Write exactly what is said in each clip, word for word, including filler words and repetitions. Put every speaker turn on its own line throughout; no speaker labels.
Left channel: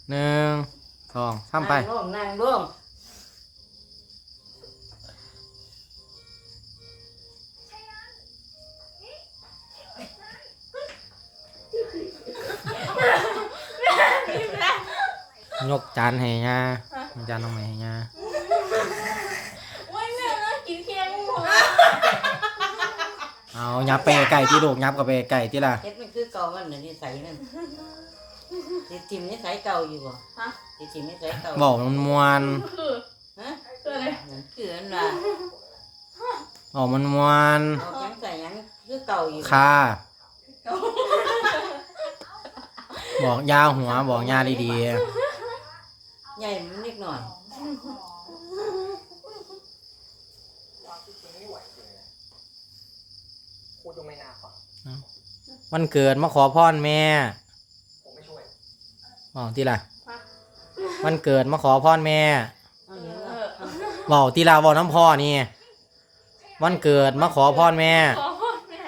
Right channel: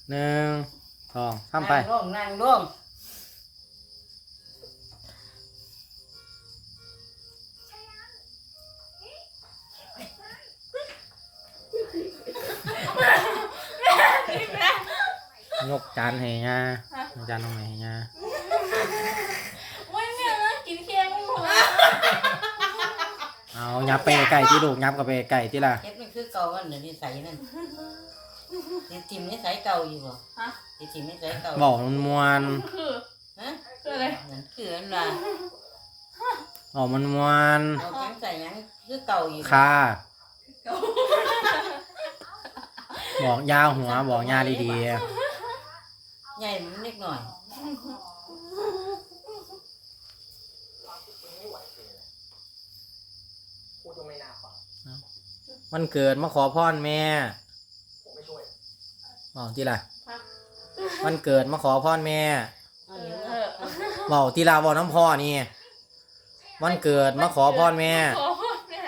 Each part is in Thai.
หนึ่งสองสามไป
นั่งร่วมนั่งร่วม
ยกจานให้งาจานลงมาให้งา
วันนี้กินเค้กไม่พอ
เอายับไปไก่ที่ลูกยับกับไปไก่ที่ล่ะ
เฮ็ดมันคือเก่ามันเหมือนนิสัยนั่นนิจิมนิสัยเก่าอยู่บ่
ฮะ
นิจิมนิสัยเก่า
บอกมันมวน
คือ
ฮะ
คืออะไร
เหมือนคืออันว่า
บอกมันมวน
เราจังใส่หยังคือเก่าอยู่
ค่ะ บอกยาหัวบอกยาดี
ใหญ่มันนิดหน่อย
พูดยังไม่น่าฟัง
ๆวันเกิดมาขอพรแม่
ผมไม่ช่วย
บอกที่ล่ะวันเกิดมาขอพรแม่
เอาอย่าง
เอ
นี้
อ
บอกที่ล่ะบอกน้ำพ่อนี่วันเกิดมาขอพรแม่
ขอพ่อแม่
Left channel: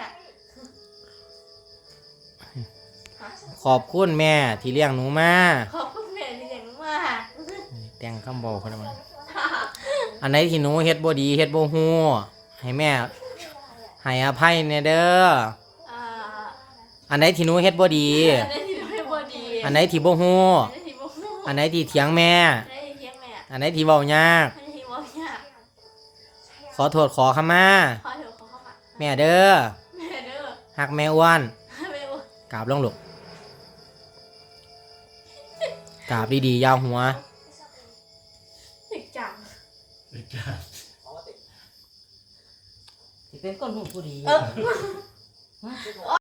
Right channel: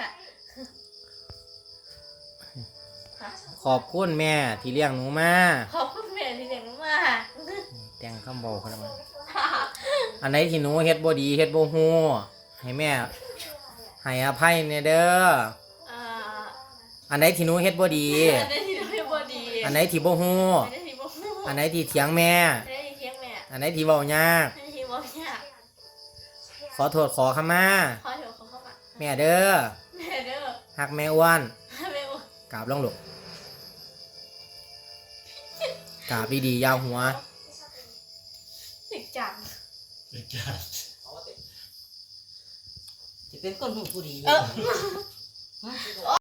ขอบคุณแม่ที่เลี้ยงหนูมา
ขอบคุณแม่ที่เลี้ยงหนูมา
แต่งคำบอกคนละมาอันไหนที่หนูเฮ็ดบ่ดีเฮ็ดบ่ฮู้ให้แม่ให้อภัยแน่เด้อ
อ่า
อันไหนที่หนูเฮ็ดบ่ดี
อันไหนที่ไม่บดี
อันไหนที่บ่ฮู้
อันไหนที่บ่ฮู้
อันไหนที่เถียงแม่
อันไหนที่เทียงแม่
อันไหนที่เว้ายาก
อันไหนที่บ่ยาก
ขอโทษขอขมา
ขอเถอะขอเข้ามา
แม่เด้อ
แม่เด้อ
หักแม่อ้วน
แม่บ่
กราบลงลูกกราบดีๆยาวหัว
ติดจัง
สิเป็นคนหูผู้ดี
เออ